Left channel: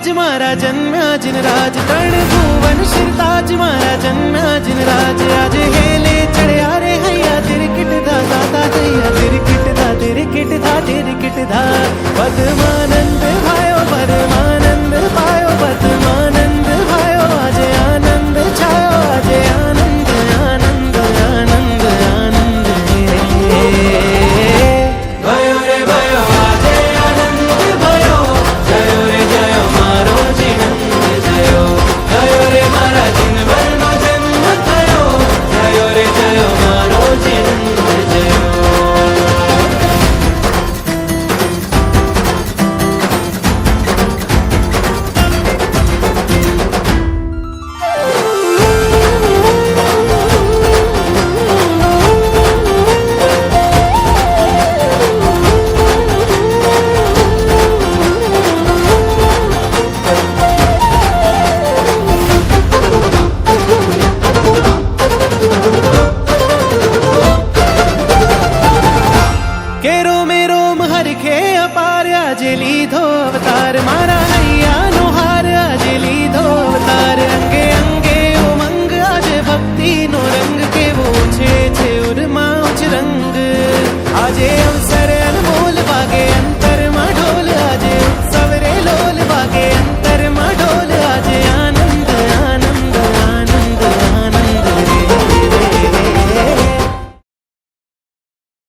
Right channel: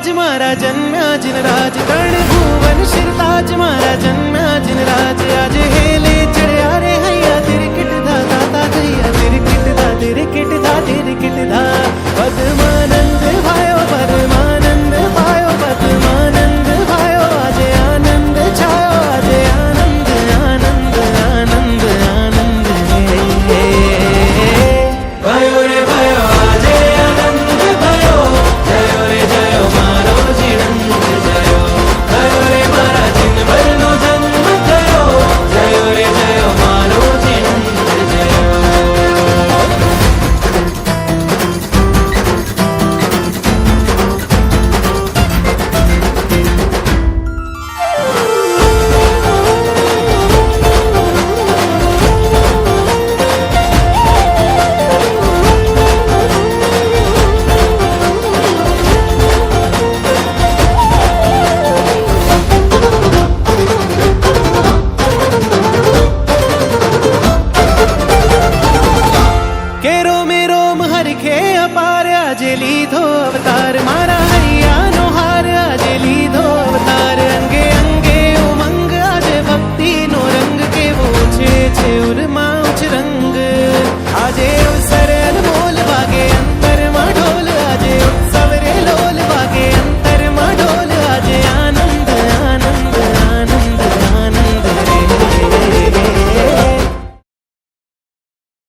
ताज मारा जन्म्या जिनराज तरण भुवन शिरताज मारा जन्म्या जिनराज आज हेले चढ़या रे हैया तिरकिट धा दाता हैया तिरकिट धा तिरकिट धा तिरकिट धा पद्मानंद भायो परमानंद पायो पद्मानंद भायो आज आनंद छायो आज आनंद आनंद आनंद आनंद भयो रे भयो आजे आनंद भयो जयो रे जयो मारो जिनंद जयो भयो रे मारा जिनभरनो जन्म थयो जयो रे जयो मारो जिनंद जयो। केरो मेरो हरखे अपार आज लीधो अवतार मारा हैया नो हार आज लीधो अवतार अंगे अंगे उमंग आज भक्ति नो रंग के वो छे उरमा उच रंग आजे